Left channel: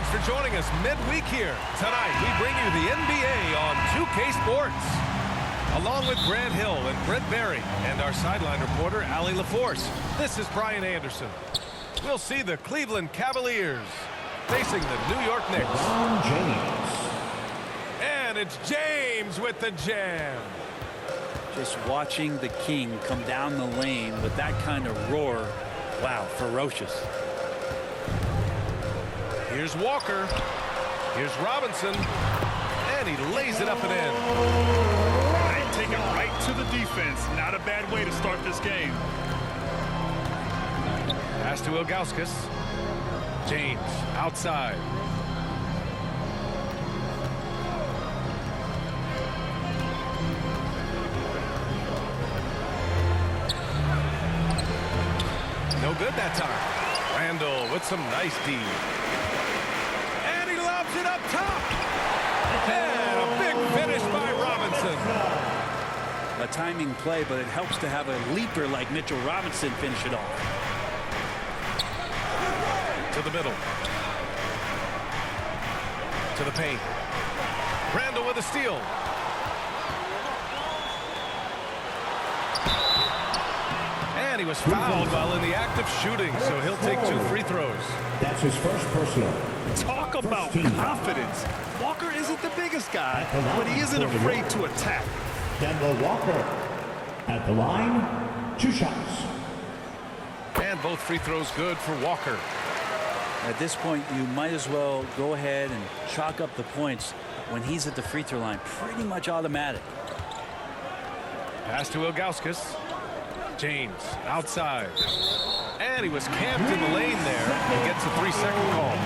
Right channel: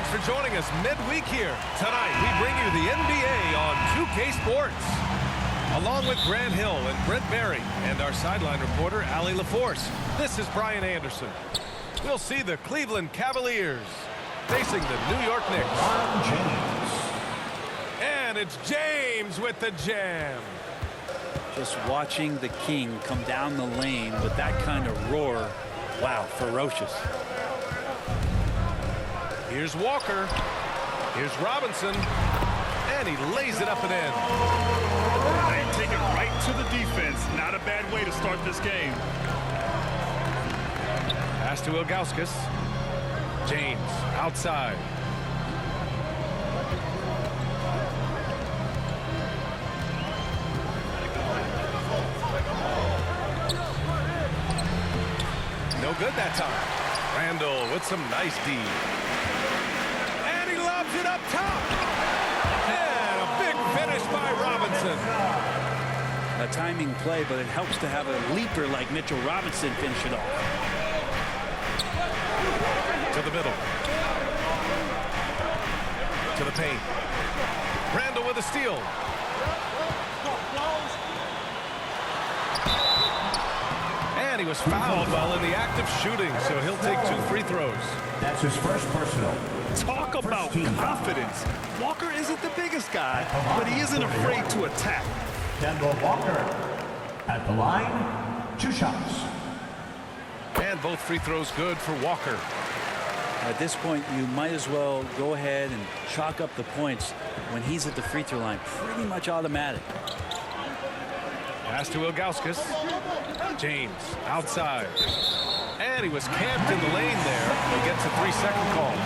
Thanks for joining us midweek here. Tonight, we bring you the NBA on 2K Sports. Along with Grant Hill and Brent Barry and our sideline reporter, Allie LaForce. This is Brian Anderson. We'll see the Cleveland Cavaliers facing the New York Knicks. LeBron James. And it's James with the jam. Just watching the King come down the lane with that kind of roar. Wow, ferocious. Here's Walker. Here's Robinson. And he lays it up and in. They take it right to the defense. Not a bad way to start this game. Pass to Ilgauskas. James outside. No good that time. Randall with some nice D. And he lobs it up top. And a big finish by Robinson. A timing play, but it helps to have a leaper like Mitchell Robinson finish it off. To the middle. To the paint. Randall with a steal. And he was fouled while in the act of shooting, so he'll take 2 free throws. That's his first personal. Talk about confidence. Walker isn't the biggest guy, but he isn't afraid to attack. Denver Walker at the line, 2 shots. And both free throws good for Walker. At this point, you might as well go ahead and chalk up the points when he's at the free throw line. Pretty much automatic. Pass to Ilgauskas. James outside. And he was camped in the lane there. He gets a 3-second call.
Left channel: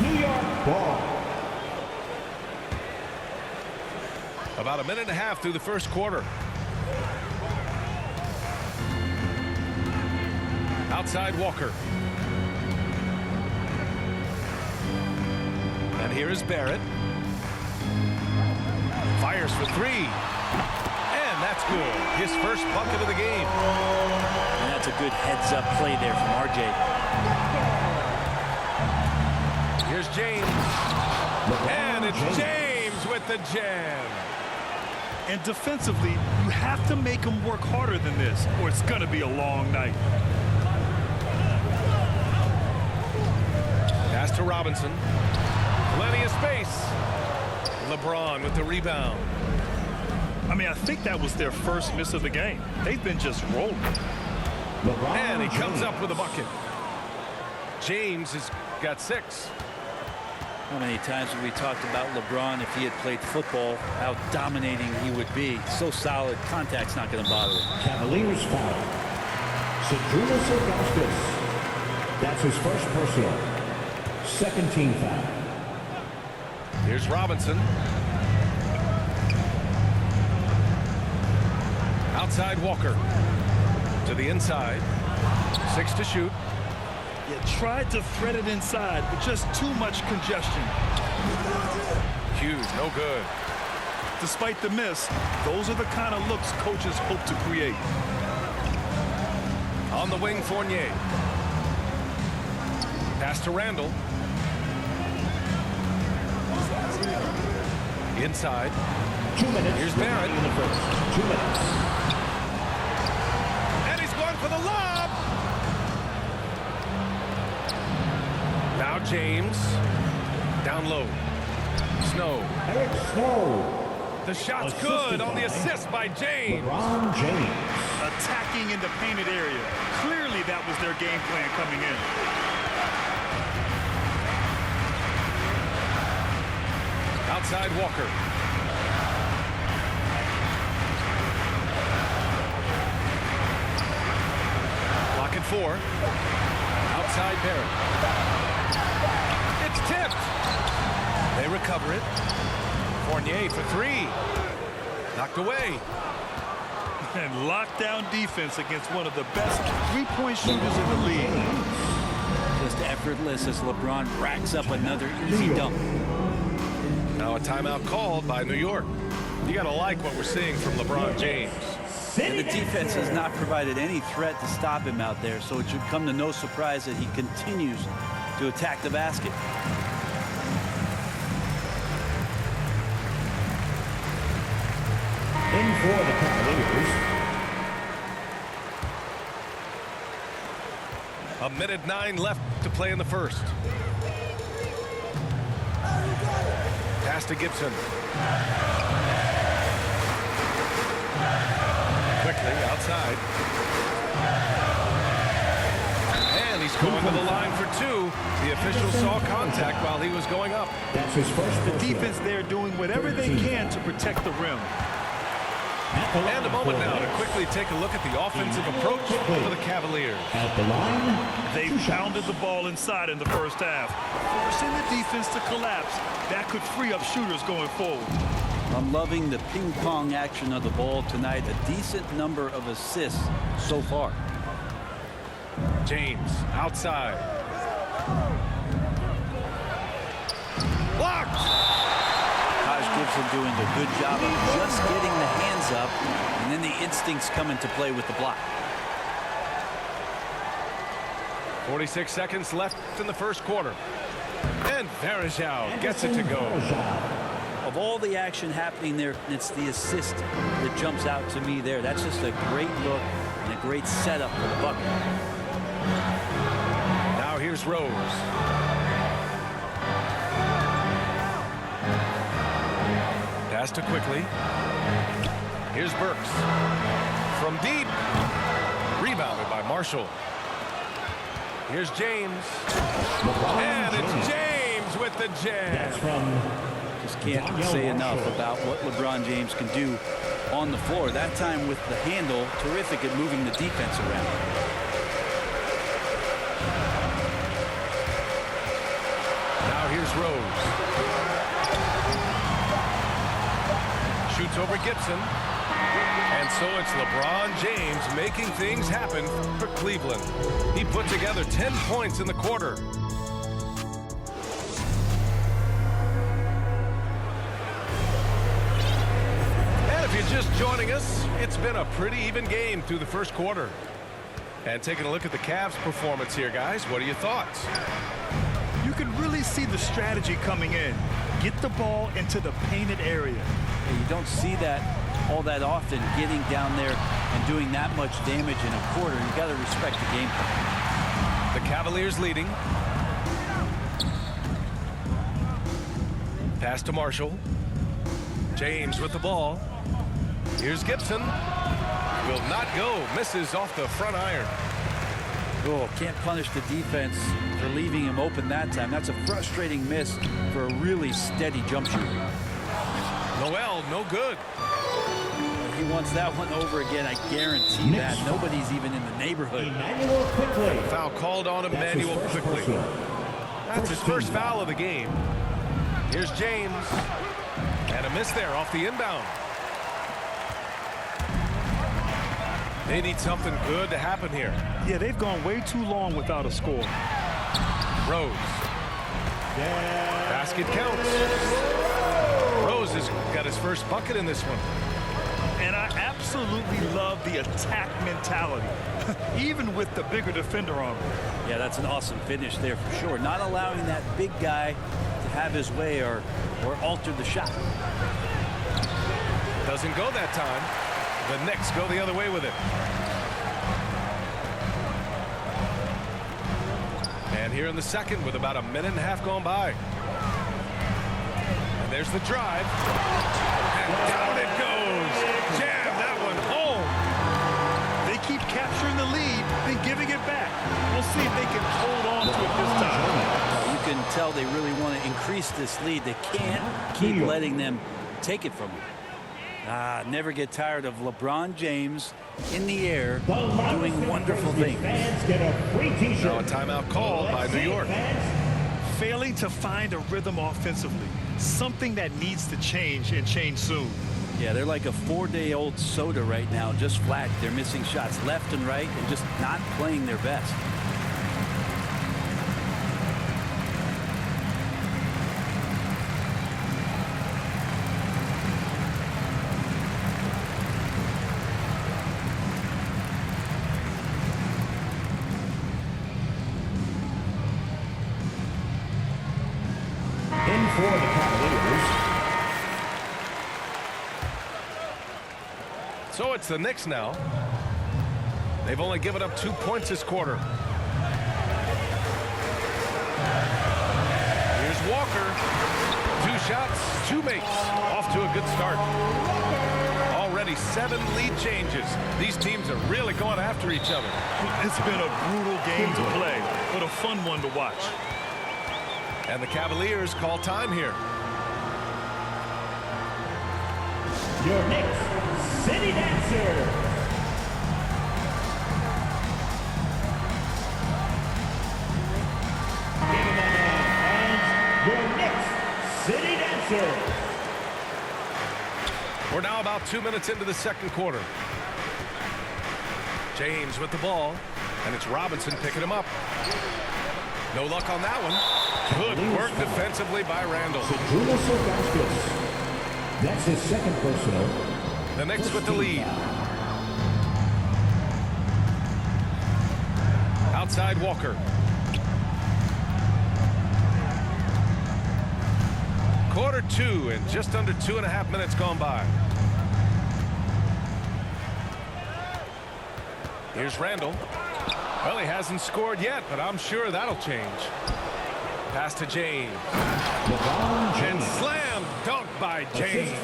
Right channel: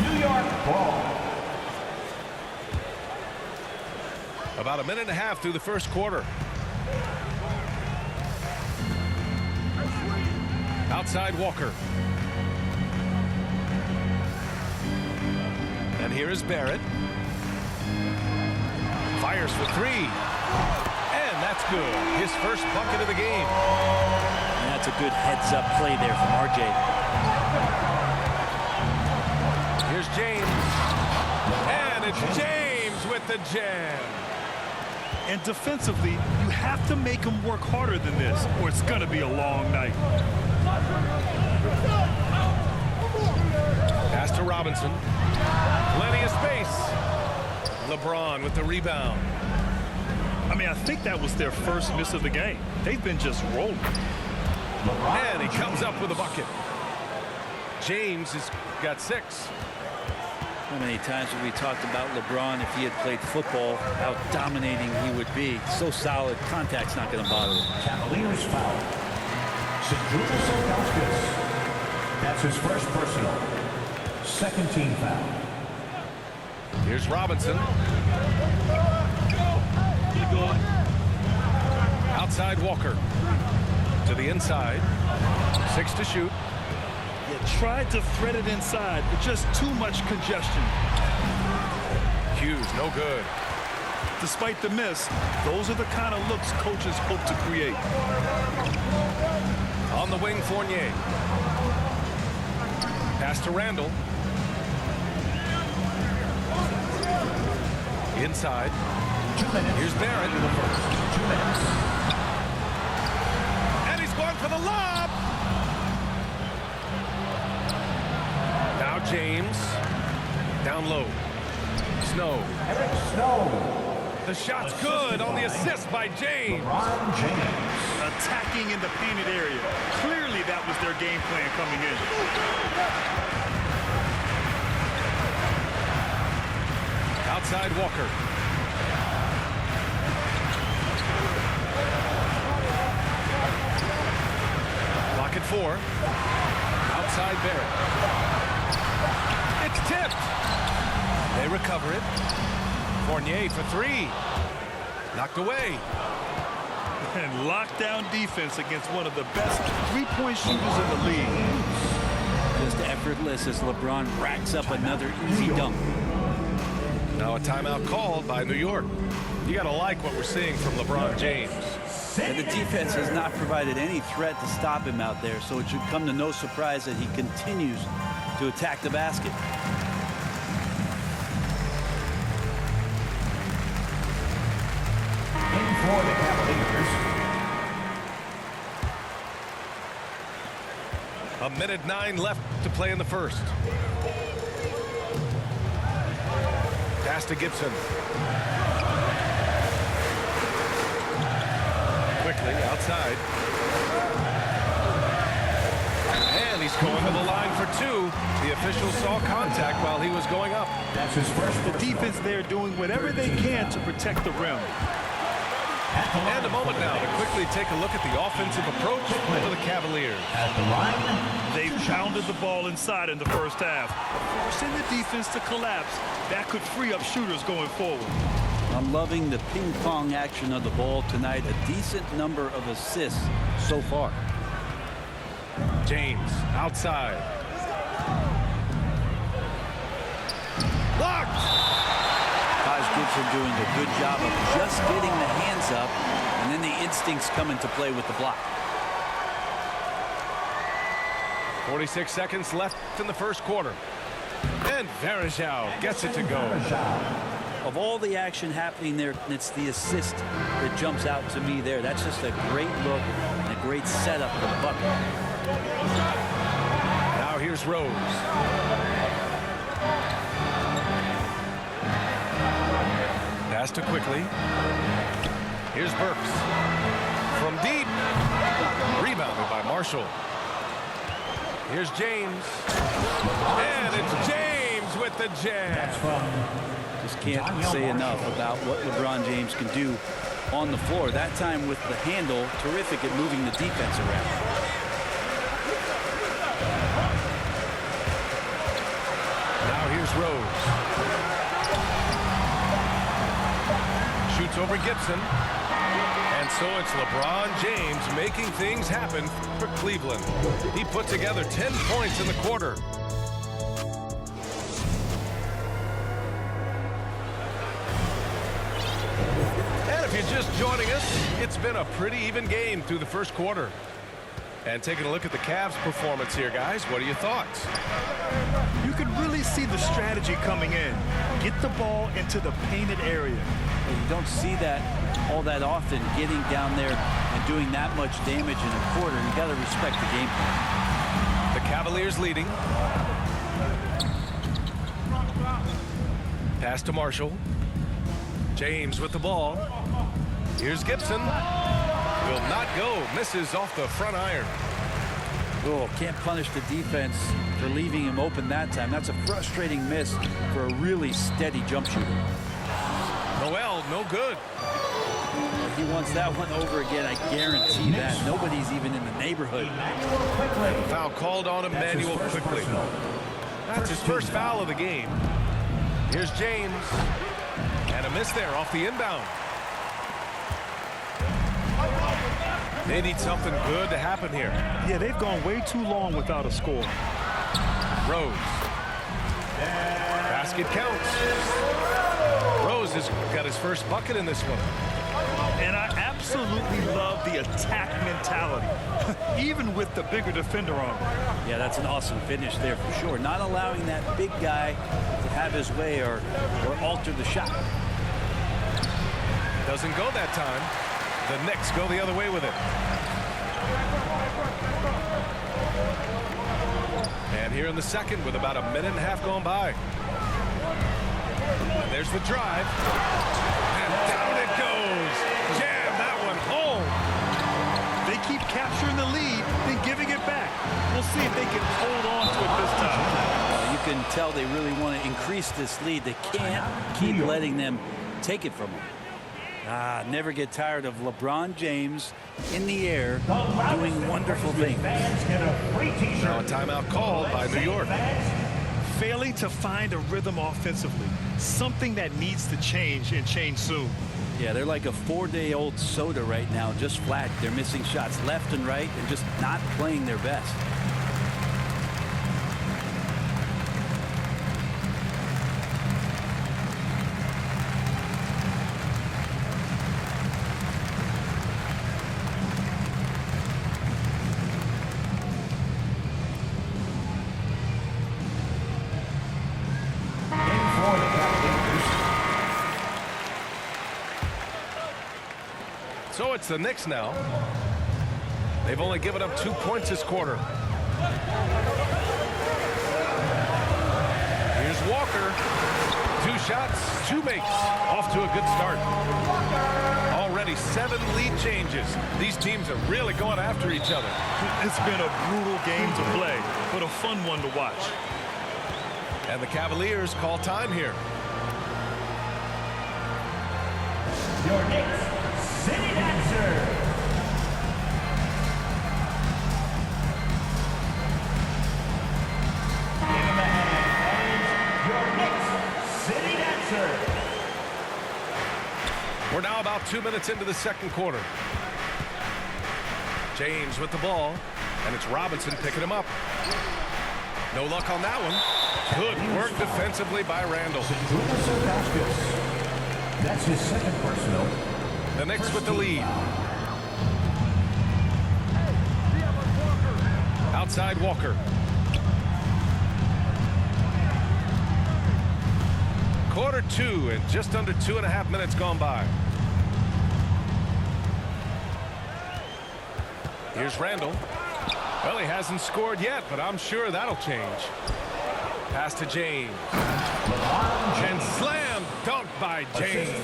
New York ball. About a minute and a half through the first quarter. Outside Walker. And here is Barrett. Fires for 3. And that's good. His first bucket of the game. And that's a good heads-up play there from RJ. Here's James. And it's James with the jam. And defensively, you have to make him work harder than this, or it's going to be a long night. Pass to Robinson. Plenty of space. LeBron with the rebound. I mean, I think that was their first miss of the game. They've been just rolling. And he comes up with a bucket. James has got 6. How many times have we talked about LeBron, if he had played football, how dominating he would be. So solid, contact's not going to bother him. Cavaliers foul. Zydrunas Ilgauskas. That's his first personal. Second team foul. Here's Robinson. Outside Walker. To the inside. 6 to shoot. You tried to thread it inside, but just too much congestion. Hughes, no good. Despite the miss, those are the kind of looks coaches hope to create. On the wing, Fournier. Pass to Randall. Inside. 2 minutes. Here's Barrett. In the first. 2 minutes. And he's going for the lob. Now James. Down low. Snow. Eric Snow. The shot's good on the assist by James. LeBron James. Attacking in the painted area. Clearly that was their game plan coming in. Outside Walker. Clock at 4. Outside Barrett. It's tipped. They recover it. Fournier for 3. Knocked away. And lockdown defense against one of the best three-point shooters in the league. Just effortless as LeBron racks up another easy dunk. Now a timeout called by New York. You got to like what we're seeing from LeBron James. And the defense has not provided any threat to stop him out there, so it should come to no surprise that he continues to attack the basket. In for the Cavaliers. A minute 9 left to play in the first. Pass to Gibson. Quickly outside. And he's going to the line for 2. The official saw contact while he was going up. That's his first. The defense there doing whatever they can to protect the rim. And a moment now to quickly take a look at the offensive approach for the Cavaliers. At the line, They pounded the ball inside in the first half, forcing the defense to collapse. That could free up shooters going forward. I'm loving the ping pong action of the ball tonight. A decent number of assists so far. James outside. Blocked. Taj Gibson doing a good job of just getting the hands up, and then the instincts come into play with the block. 46 seconds left in the first quarter. And Varejao gets it to go. Of all the action happening there, it's the assist that jumps out to me there. That's just a great look and a great setup for the bucket. Now here's Rose. Pass to quickly. Here's Burks. From deep. Rebounded by Marshall. Here's James. And it's James with the jam. That's from Just can't say enough about what LeBron James can do on the floor. That time with the handle, terrific at moving the defense around. Now here's Rose. Shoots over Gibson. And so it's LeBron James making things happen for Cleveland. He put together 10 points in the quarter. And if you're just joining us, it's been a pretty even game through the first quarter. And taking a look at the Cavs' performance here, guys, what are your thoughts? You can really see the strategy coming in. Get the ball into the painted area. And you don't see that all that often, getting down there and doing that much damage in a quarter. You got to respect the game plan. The Cavaliers leading. Pass to Marshall. James with the ball. Here's Gibson. Will not go. Misses off the front iron. Oh, can't punish the defense for leaving him open that time. That's a frustrating miss for a really steady jump shooter. Noel, no good. Well, he wants that one over again. I guarantee that. Nobody's even in the neighborhood. Emmanuel Quickly. Foul called on Emmanuel quickly. That's his first foul of the game. Here's James. And a miss there off the inbound. They need something good to happen here. Yeah, they've gone way too long without a score. Rose. Basket counts. Rose has got his first bucket in this one. And I absolutely love the attack mentality, even with the bigger defender on him. Yeah, that's an awesome finish there for sure. Not allowing that big guy to have his way or alter the shot. Doesn't go that time. The Knicks go the other way with it. And here in the second with about a minute and a half gone by. And there's the drive. And down it goes. Jam that one home. They keep capturing the lead, then giving it back. We'll see if they can hold on to it this time. Well, you can tell they really want to increase this lead. They can't keep letting them take it from them. Never get tired of LeBron James in the air doing wonderful things. Now a timeout called by New York. Failing to find a rhythm offensively, something that needs to change and change soon. Yeah, they're like a 4-day-old soda right now, just flat. They're missing shots left and right and just not playing their best. for the Cavaliers. So it's the Knicks now. They've only given up 2 points this quarter. Here's Walker. 2 shots, 2 makes. Off to a good start. Already 7 lead changes. These teams are really going after each other. It's been a brutal game to play, but a fun one to watch. And the Cavaliers call time here. Your Knicks City Dancer. Give him a hand, and your Knicks City Dancer. We're now about 2 minutes into the second quarter. James with the ball, and it's Robinson picking him up. No luck on that one. Good work defensively by Randall. That's his second personal. The Knicks with the lead. Outside Walker. Quarter 2 and just under 2.5 minutes gone by. Here's Randall. Well, he hasn't scored yet, but I'm sure that'll change. Pass to James. And slam dunk by James.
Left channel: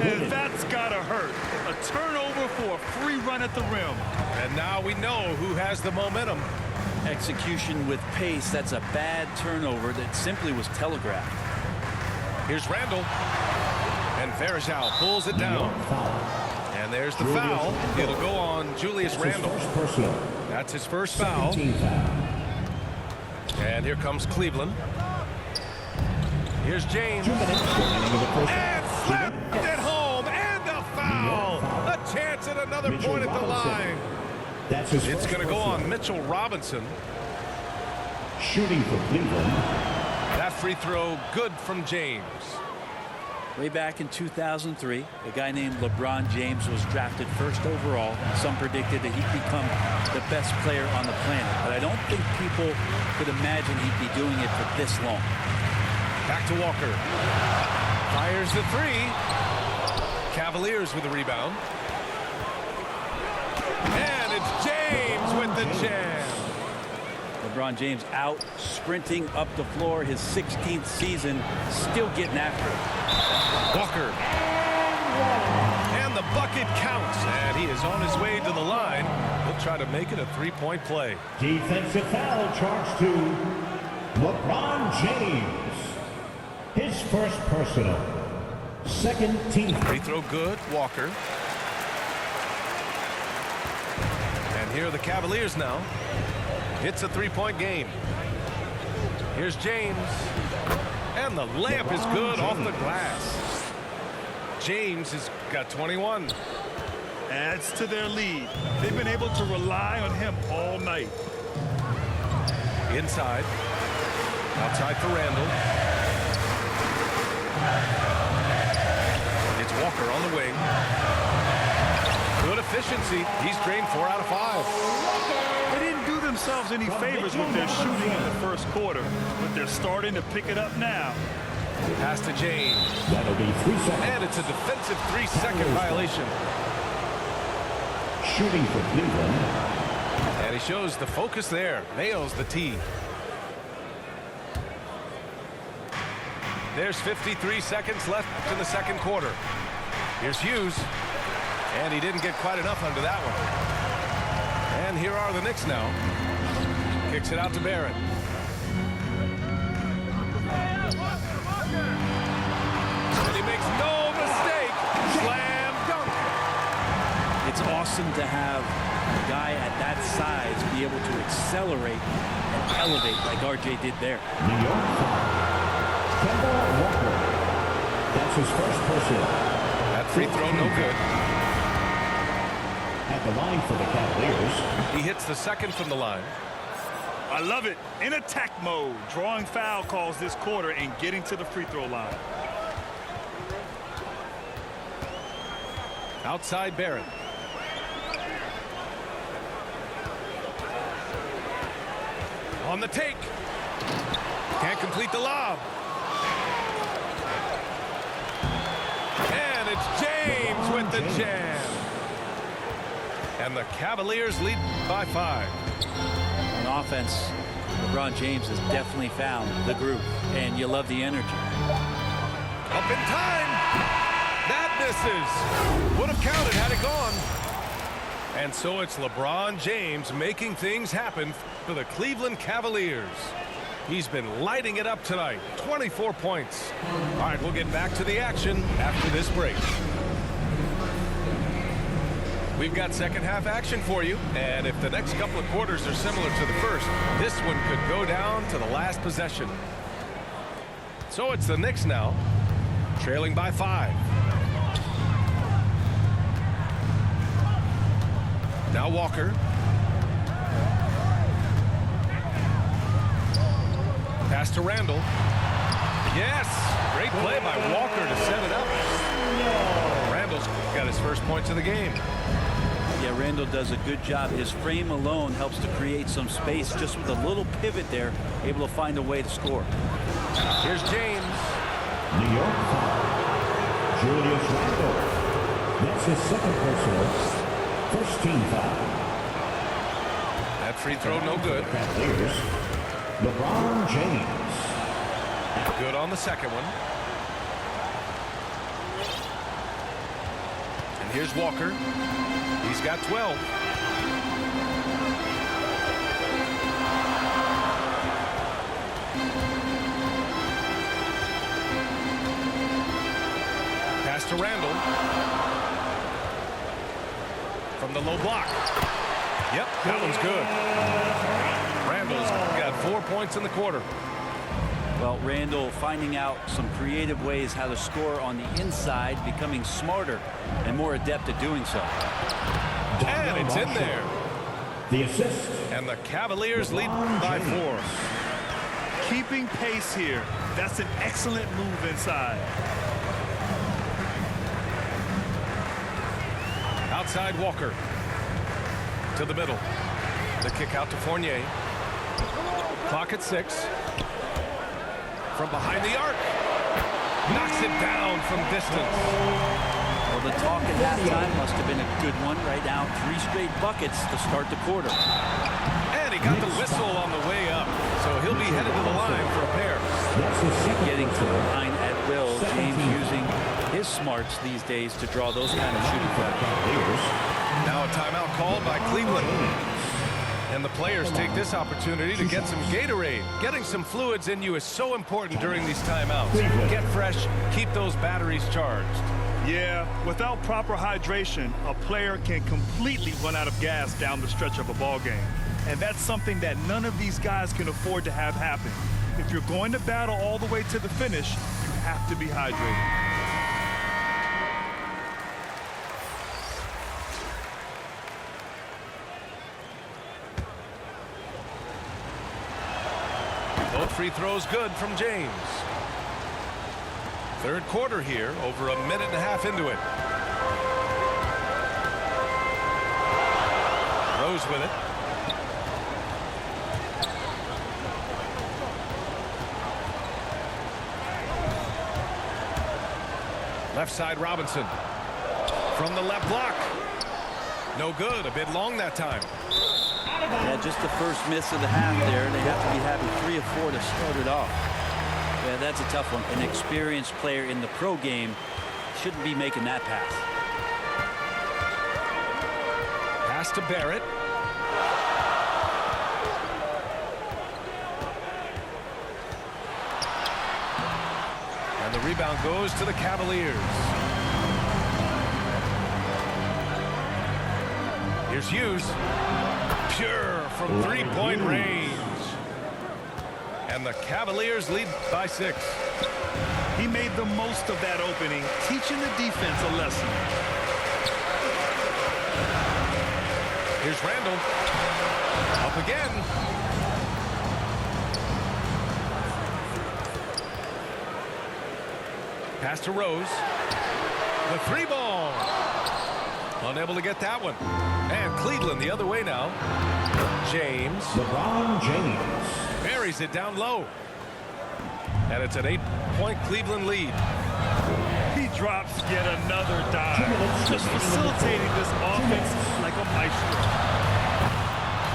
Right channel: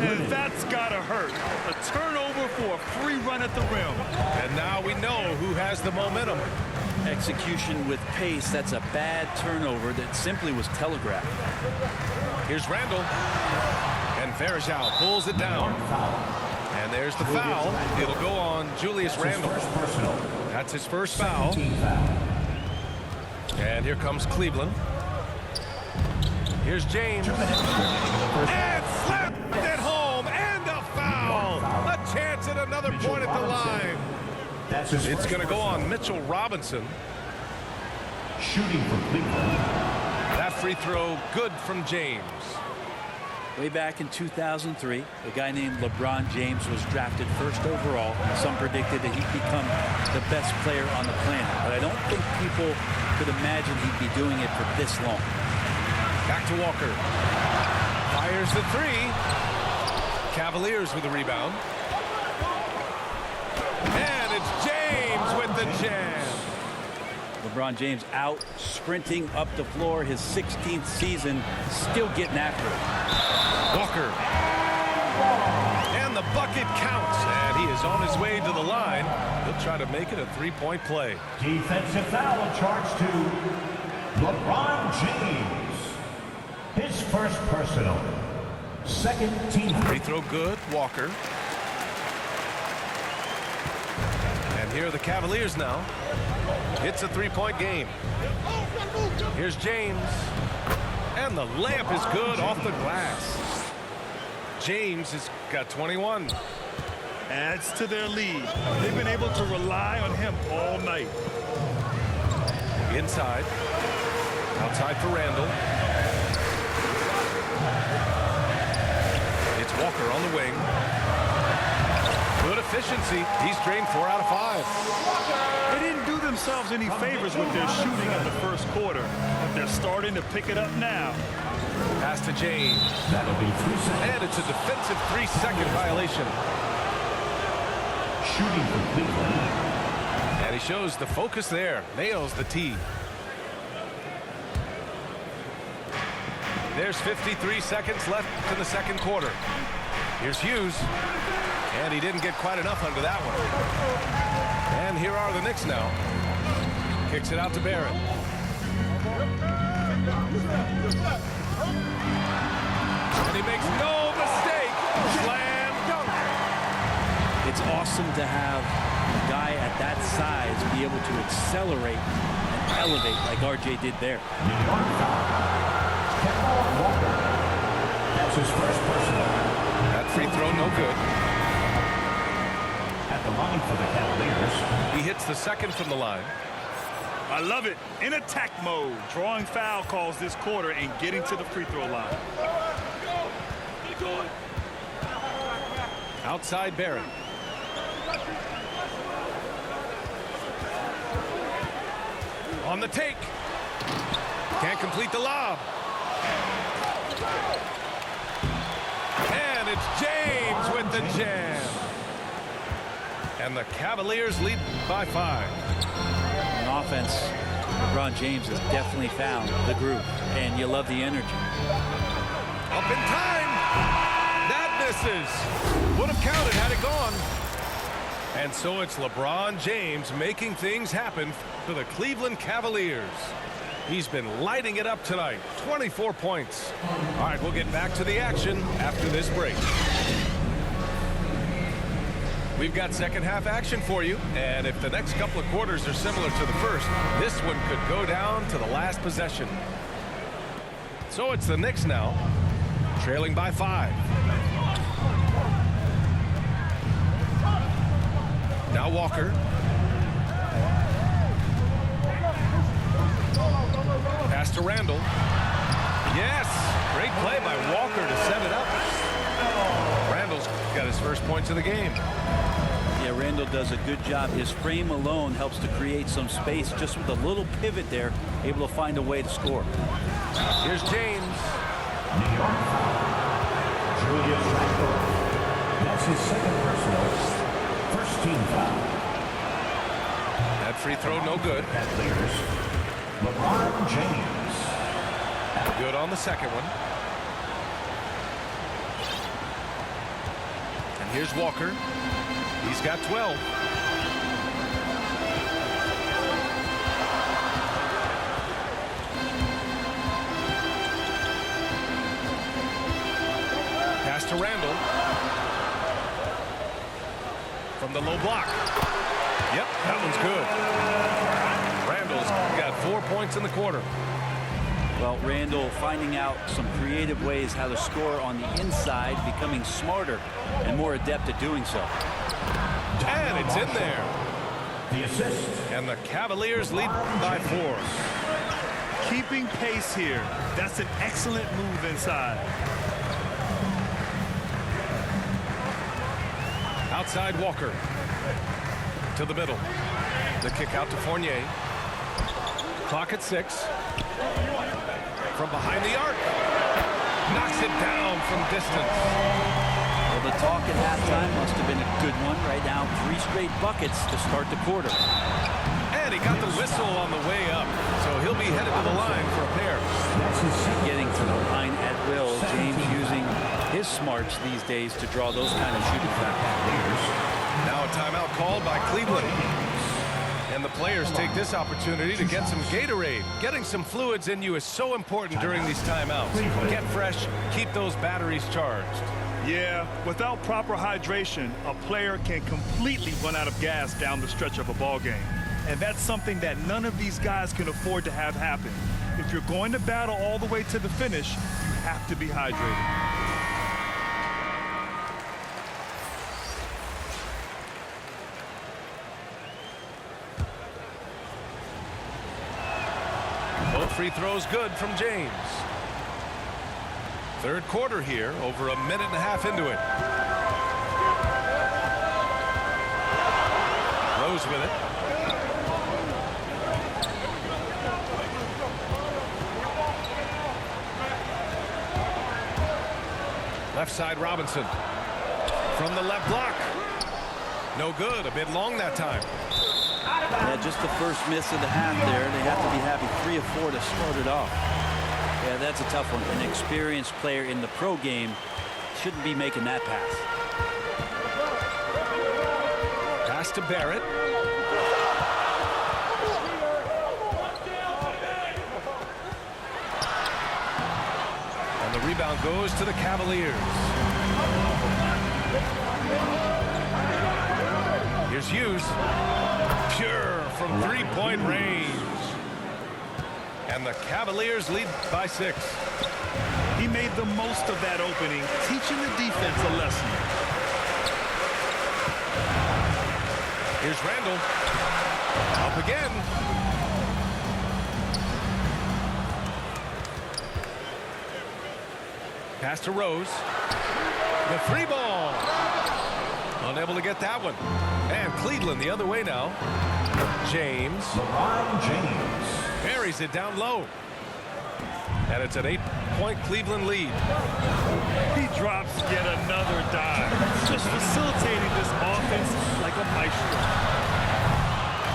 And that's gotta hurt. A turnover for a free run at the rim. And now we know who has the momentum. Execution with pace. That's a bad turnover that simply was telegraphed. Here's Randall. And Verjao pulls it down. And there's the foul. It'll go on Julius Randle. That's his first foul. And here comes Cleveland. Here's James. And slapped it home. And a foul. A chance at another point at the line. It's going to go on Mitchell Robinson. Shooting for Cleveland. That free throw good from James. Way back in 2003, a guy named LeBron James was drafted first overall. Some predicted that he'd become the best player on the planet. But I don't think people could imagine he'd be doing it for this long. Back to Walker. Fires the 3. Cavaliers with the rebound. And it's James with the jam. LeBron James out sprinting up the floor, his 16th season, still getting after it. Walker. And the bucket counts, and he is on his way to the line. He'll try to make it a 3-point play. Defensive foul charged to LeBron James. His first personal. Second team. Free throw good, Walker. And here are the Cavaliers now. It's a 3-point game. Here's James. And the layup is good off the glass. James has got 21. Adds to their lead. They've been able to rely on him all night. Inside. Outside for Randall. It's Walker on the wing. Good efficiency. He's drained 4 out of 5. They didn't do themselves any favors with their shooting in the first quarter, but they're starting to pick it up now. Pass to James. That'll be 3 seconds. And it's a defensive 3-second violation. Shooting for Cleveland. And he shows the focus there. Nails the tee. There's 53 seconds left in the second quarter. Here's Hughes. And he didn't get quite enough under that one. And here are the Knicks now. Kicks it out to Barrett. And he makes no mistake. Slam dunk. It's awesome to have a guy at that size be able to accelerate and elevate like RJ did there. New York foul. Kemba Walker. That's his first personal. That free throw no good. At the line for the Cavaliers. He hits the second from the line. I love it. In attack mode, drawing foul calls this quarter and getting to the free throw line. Outside Barrett. On the take. Can't complete the lob. And it's James with the jam. And the Cavaliers lead by 5. On offense, LeBron James has definitely found the groove, and you love the energy. Up in time. That misses. Would have counted had it gone. And so it's LeBron James making things happen for the Cleveland Cavaliers. He's been lighting it up tonight. 24 points. All right, we'll get back to the action after this break. We've got second half action for you, and if the next couple of quarters are similar to the first, this one could go down to the last possession. So it's the Knicks now, trailing by 5. Now Walker. Pass to Randall. Yes, great play by Walker to set it up. Randall's got his first points of the game. Yeah, Randall does a good job. His frame alone helps to create some space just with a little pivot there, able to find a way to score. Here's James. New York foul. Julius Randle. That's his second personal. First team foul. That free throw no good. Cavaliers. LeBron James. Good on the second one. And here's Walker. He's got 12. Pass to Randall. From the low block. Yep, that one's good. Randall's got 4 points in the quarter. Well, Randall finding out some creative ways how to score on the inside, becoming smarter and more adept at doing so. And it's in there. The assist. And the Cavaliers lead by 4. Keeping pace here. That's an excellent move inside. Outside Walker. To the middle. The kick out to Fournier. Clock at 6. From behind the arc. Knocks it down from distance. Well, the talk at halftime must have been a good one. Right now, 3 straight buckets to start the quarter. And he got the whistle on the way up. So he'll be headed to the line for a pair. That's his second. Getting to the line at will. James using his smarts these days to draw those kind of shooting fouls. Now a timeout called by Cleveland. And the players take this opportunity to get some Gatorade. Getting some fluids in you is so important during these timeouts. Get fresh, keep those batteries charged. Yeah, without proper hydration, a player can completely run out of gas down the stretch of a ball game. And that's something that none of these guys can afford to have happen. If you're going to battle all the way to the finish, you have to be hydrated. Both free throws good from James. Third quarter here, over a minute and a half into it. Rose with it. Left side Robinson. From the left block. No good, a bit long that time. Yeah, just the first miss of the half there. They have to be happy 3 of 4 to start it off. Yeah, that's a tough one. An experienced player in the pro game shouldn't be making that pass. Pass to Barrett. And the rebound goes to the Cavaliers. Here's Hughes. Pure from three-point range. And the Cavaliers lead by 6. He made the most of that opening, teaching the defense a lesson. Here's Randall. Up again. Pass to Rose. The 3-ball. Unable to get that one. And Cleveland the other way now. James. LeBron James. Buries it down low. And it's an 8 6-point Cleveland lead. He drops yet another dive, just facilitating this offense like a maestro.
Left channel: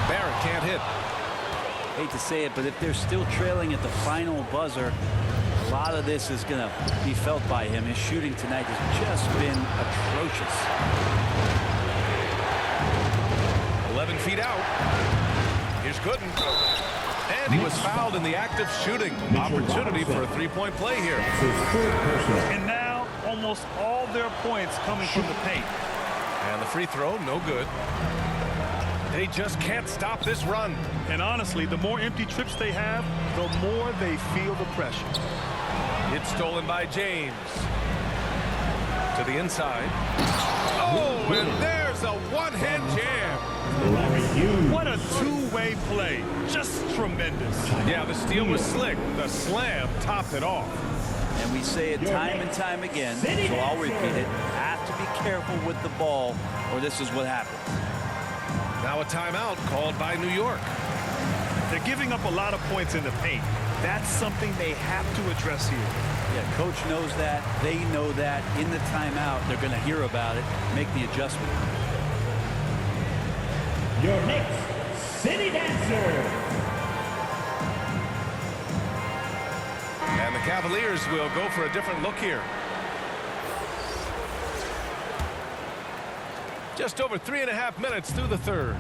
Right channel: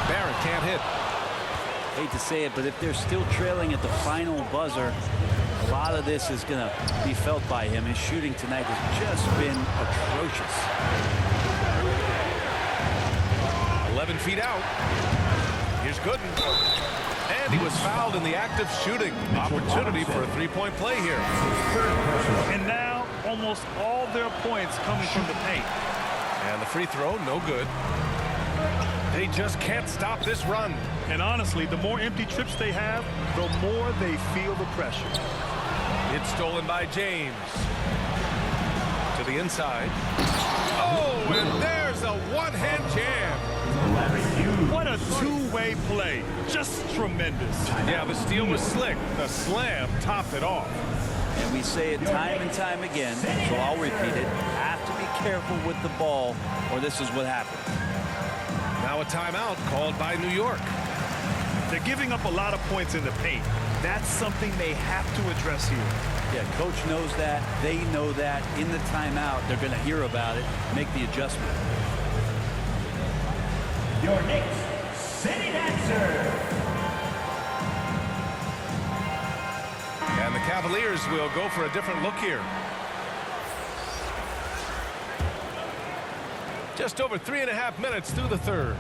Barrett can't hit. Hate to say it, but if they're still trailing at the final buzzer, a lot of this is going to be felt by him. His shooting tonight has just been atrocious. 11 feet out. Here's Gooden. And he was fouled in the act of shooting. Opportunity for a three-point play here. And now almost all their points coming from the paint. And the free throw, no good. They just can't stop this run. And honestly, the more empty trips they have, the more they feel the pressure. It's stolen by James. To the inside. Oh, and there's a one-hand jam. What a two-way play. Just tremendous. Yeah, the steal was slick. The slam topped it off. And we say it time and time again, so I'll repeat it. Have to be careful with the ball, or this is what happens. Now a timeout called by New York. They're giving up a lot of points in the paint. That's something they have to address here. Yeah, coach knows that. They know that. In the timeout, they're going to hear about it, make the adjustment. Your next City Dancer. And the Cavaliers will go for a different look here. Just over 3.5 minutes through the third.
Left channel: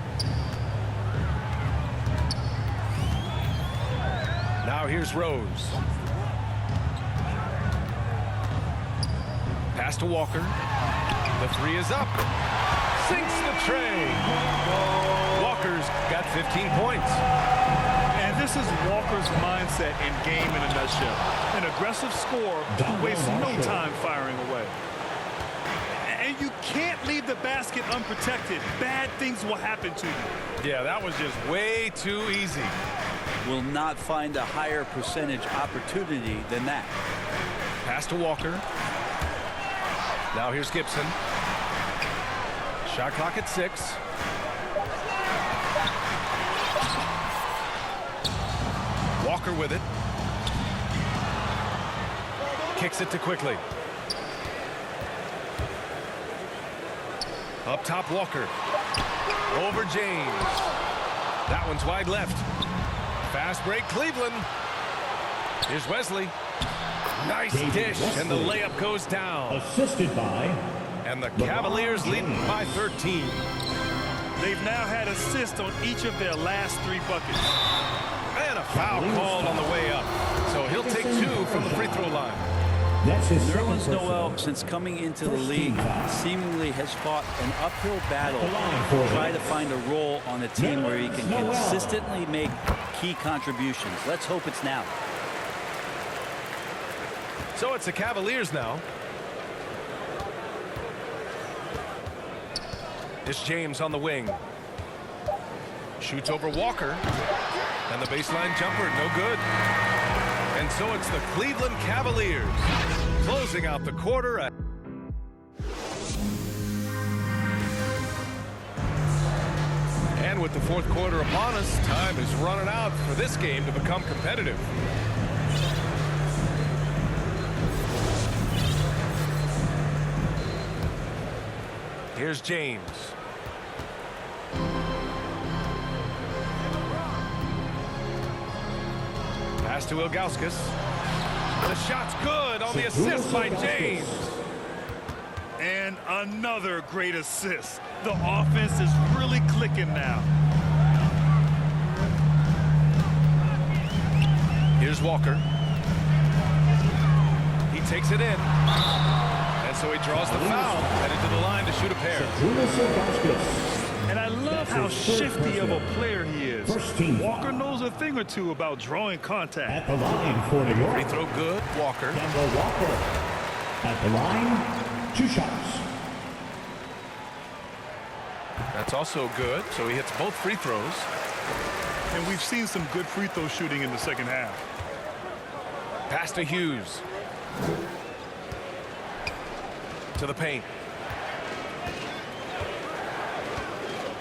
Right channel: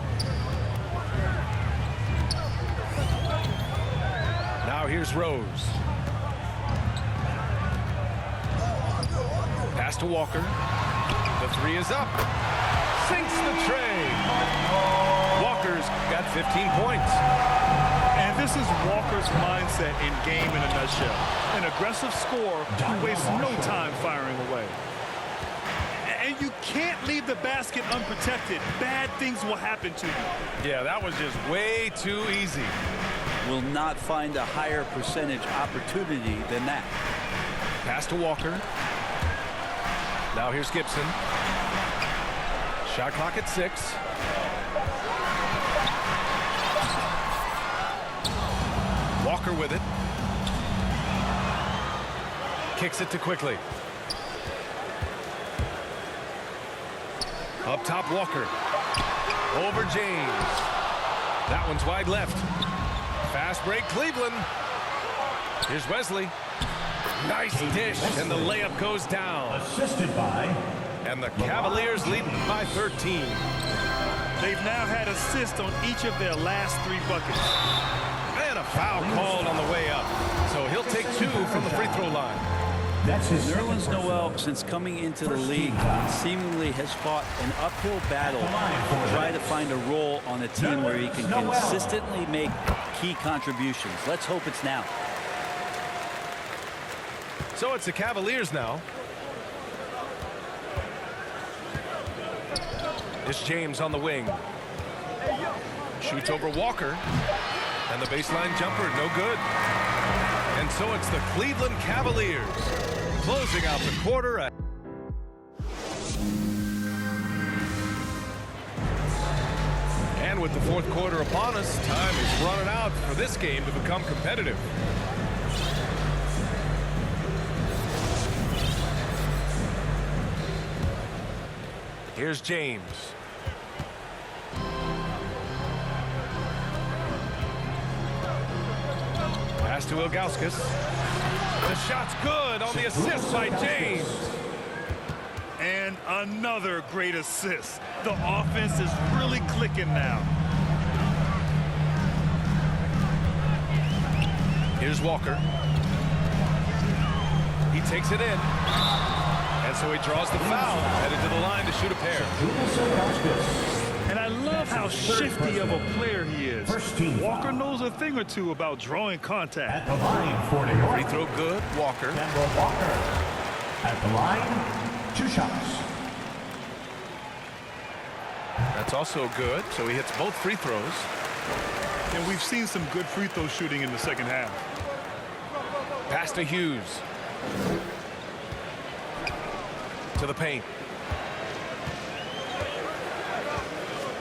Now here's Rose. Pass to Walker. The three is up. Sinks the tray. Walker's got 15 points. And this is Walker's mindset in game in a nutshell. An aggressive scorer who wastes no time firing away. And you can't leave the basket unprotected. Bad things will happen to you. Yeah, that was just way too easy. Will not find a higher percentage opportunity than that. Pass to Walker. Now here's Gibson. Shot clock at 6. Walker with it. Kicks it to Quickly. Up top, Walker. Over James. That one's wide left. Fast break, Cleveland. Here's Wesley. Nice dish, and the layup goes down. Assisted by. And the Cavaliers leading by 13. They've now had assists on each of their last 3 buckets. And a foul called on the way up. So he'll take 2 from the free throw line. That's his Nerlens Noel, since coming into the league, seemingly has fought an uphill battle to try to find a role on a team where he can consistently make key contributions. Let's hope it's now. So it's the Cavaliers now. It's James on the wing. Shoots over Walker. And the baseline jumper, no good. And so it's the Cleveland Cavaliers closing out the quarter. And with the fourth quarter upon us, time is running out for this game to become competitive. Here's James. Pass to Ilgauskas. The shot's good on the assist by James. And another great assist. The offense is really clicking now. Here's Walker. He takes it in. And so he draws the foul, headed to the line to shoot a pair. And I love how shifty of a player he is. Walker knows a thing or two about drawing contact. At the line for New York. Free throw good, Walker. Kemba Walker. At the line, 2 shots. That's also good, so he hits both free throws. And we've seen some good free throw shooting in the second half. Pass to Hughes. To the paint.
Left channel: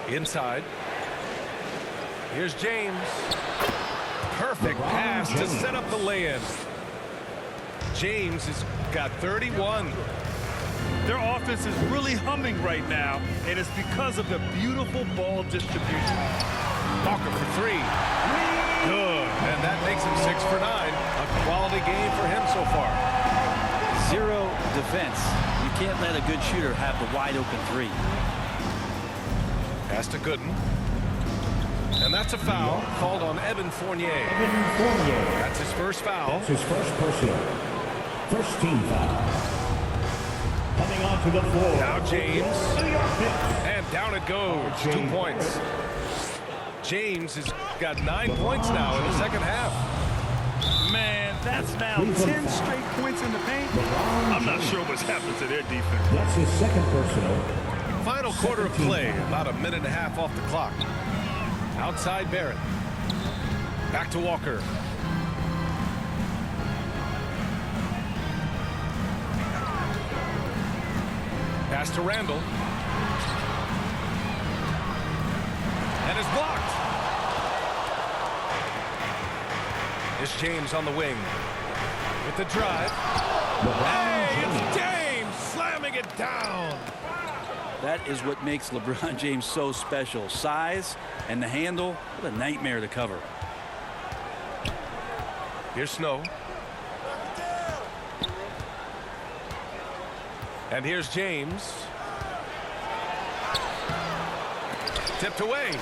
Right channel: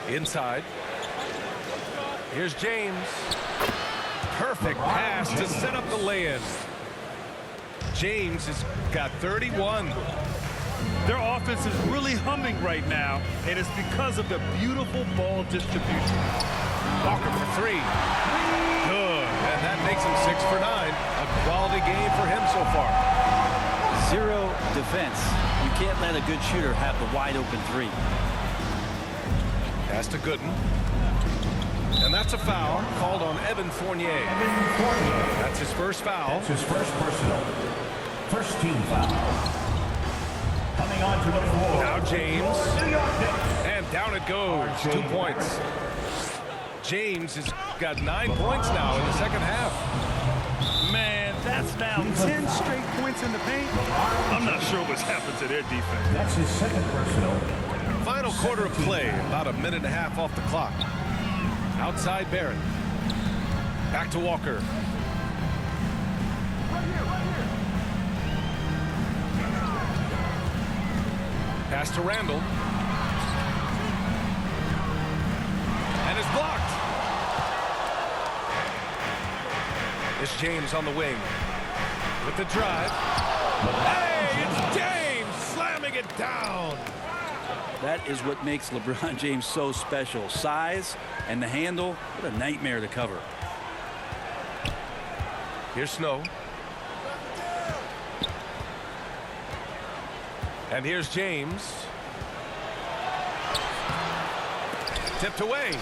Inside. Here's James. Perfect pass to set up the lay-in. James has got 31. Their offense is really humming right now, and it's because of the beautiful ball distribution. Walker for 3. Good. And that makes him 6 for 9. A quality game for him so far. 0 defense. You can't let a good shooter have the wide open 3. Pass to Gooden. And that's a foul called on Evan Fournier. Evan Fournier. That's his first foul. That's his first personal. First team foul. Coming onto the floor. Now James. New York Knicks. And down it goes. 2 points. James has got 9 points now in the second half. Man, that's now 10 straight points in the paint. I'm not sure what's happened to their defense. That's his second personal. Final quarter of play, about a minute and a half off the clock. Outside Barrett. Back to Walker. Pass to Randall. And is blocked. It's James on the wing. With the drive. Hey, it's James slamming it down. That is what makes LeBron James so special. Size and the handle, what a nightmare to cover. Here's Snow. And here's James. Tipped away.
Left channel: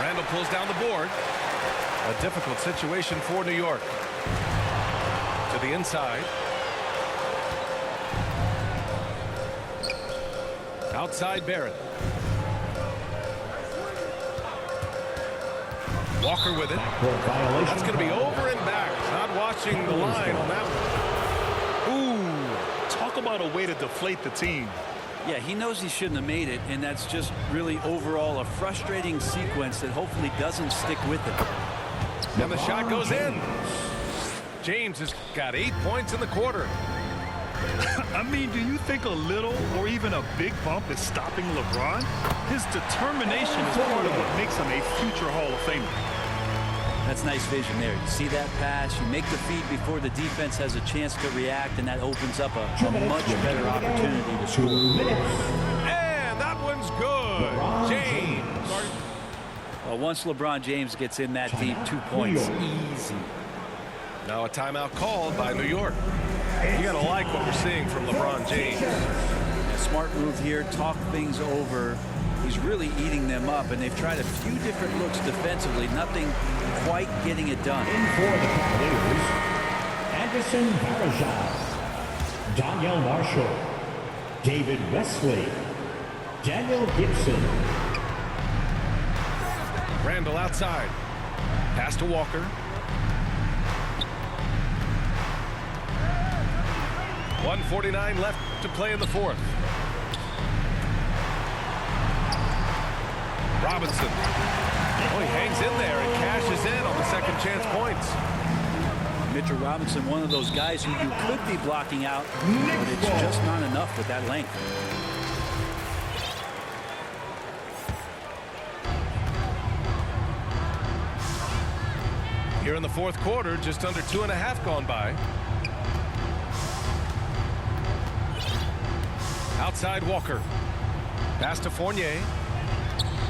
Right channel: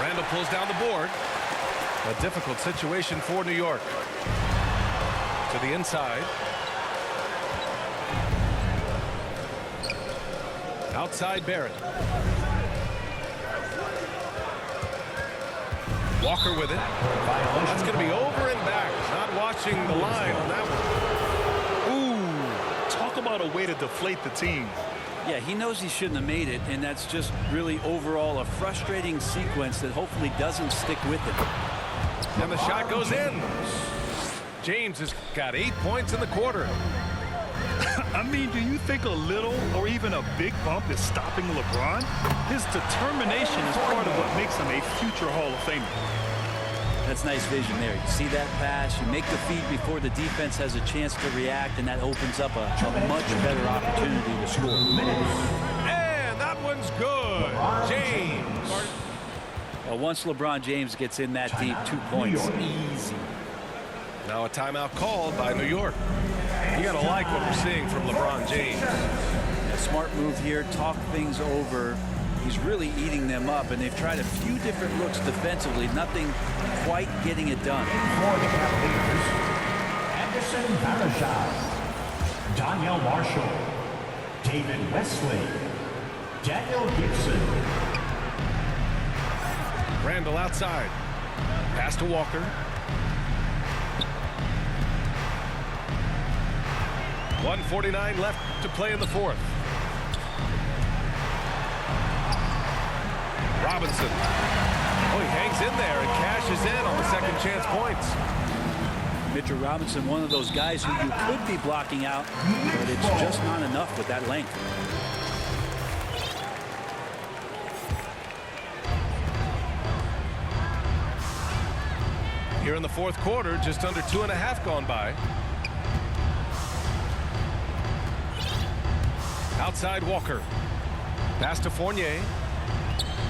Randall pulls down the board. A difficult situation for New York. To the inside. Outside Barrett. Walker with it. That's going to be over and back. Not watching the line on that one. Ooh, talk about a way to deflate the team. Yeah, he knows he shouldn't have made it, and that's just really overall a frustrating sequence that hopefully doesn't stick with him. And the shot goes in. James has got 8 points in the quarter. I mean, do you think a little or even a big bump is stopping LeBron? His determination is part of what makes him a future Hall of Famer. That's nice vision there. You see that pass, you make the feed before the defense has a chance to react, and that opens up a much better opportunity to score. And that one's good. James. Well, once LeBron James gets in that deep, 2 points, easy. Now a timeout called by New York. You got to like what we're seeing from LeBron James. A smart move here, talk things over. He's really eating them up, and they've tried a few different looks defensively. Nothing quite getting it done. In for the Cavaliers, Anderson Varejao, Daniel Marshall, David Wesley, Daniel Gibson. Randall outside. Pass to Walker. .149 left to play in the fourth. Robinson. Oh, he hangs in there and cashes in on the second chance points. Mitchell Robinson, one of those guys who you could be blocking out, but it's just not enough with that length. Here in the fourth quarter, just under 2.5 gone by. Outside Walker. Pass to Fournier.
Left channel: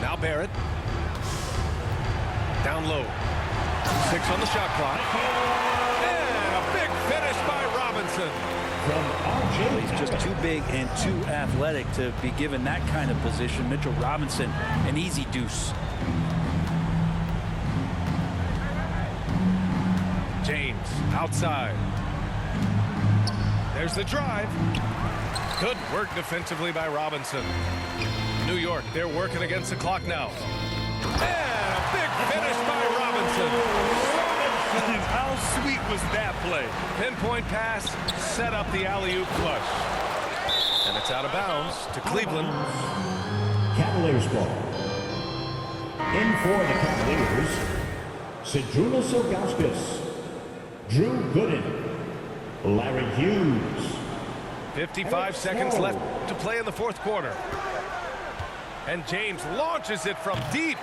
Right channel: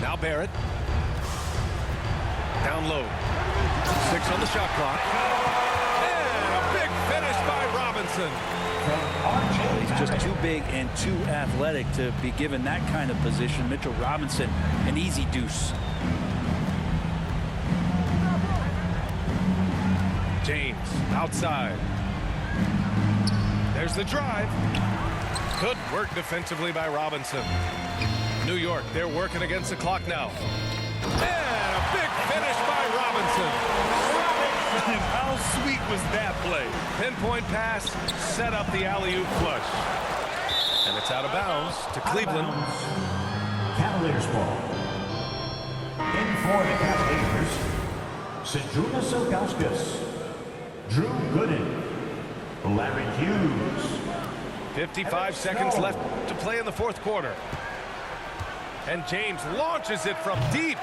Now Barrett. Down low. 6 on the shot clock. And a big finish by Robinson. He's just too big and too athletic to be given that kind of position. Mitchell Robinson, an easy deuce. James outside. There's the drive. Good work defensively by Robinson. New York, they're working against the clock now. And a big finish by Robinson. And how sweet was that play? Pinpoint pass, set up the alley-oop flush. And it's out of bounds to Cleveland. Cavaliers ball. In for the Cavaliers, Zydrunas Ilgauskas, Drew Gooden, Larry Hughes. 55 seconds left to play in the fourth quarter. And James launches it from deep.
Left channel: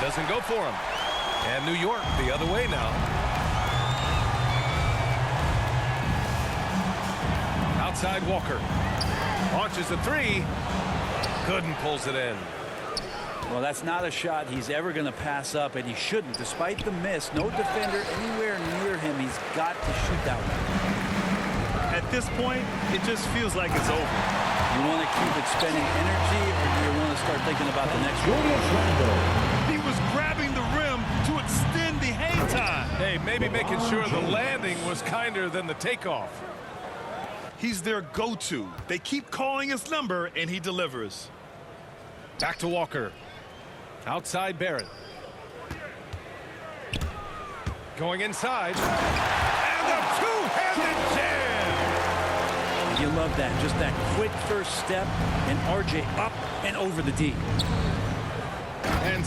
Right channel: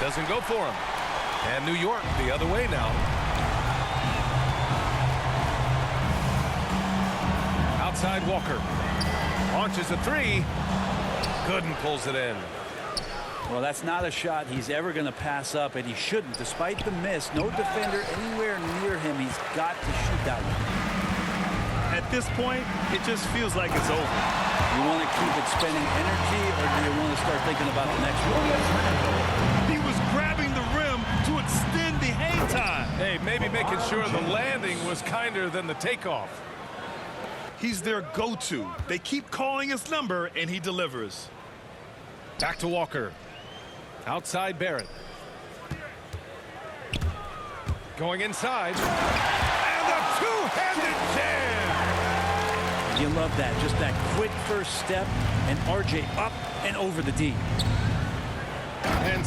Doesn't go for him. And New York the other way now. Outside Walker. Launches a three. Good and pulls it in. Well, that's not a shot he's ever going to pass up, and he shouldn't. Despite the miss, no defender anywhere near him. He's got to shoot that one. At this point, it just feels like it's over. You want to keep expending energy, or do you want to start thinking about the next one? Julius Randle. He was grabbing the rim to extend the hang time. Hey, maybe making sure the landing was kinder than the takeoff. He's their go-to. They keep calling his number, and he delivers. Back to Walker. Outside Barrett. Going inside. And a two-handed jam. You love that. Just that quick first step, and RJ up and over the D. And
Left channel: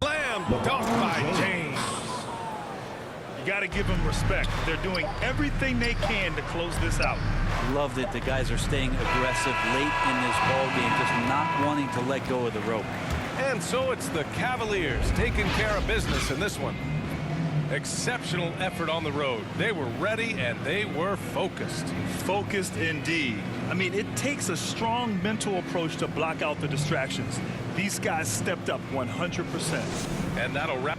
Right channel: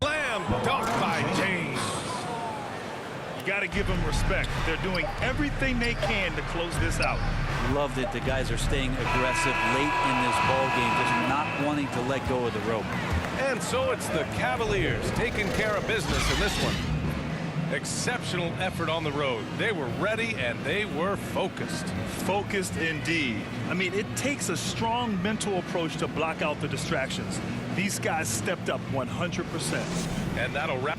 slam dunk by James. You got to give them respect. They're doing everything they can to close this out. Loved it. The guys are staying aggressive late in this ball game, just not wanting to let go of the rope. And so it's the Cavaliers taking care of business in this one. Exceptional effort on the road. They were ready and they were focused. Focused indeed. I mean, it takes a strong mental approach to block out the distractions. These guys stepped up 100%. And that'll wrap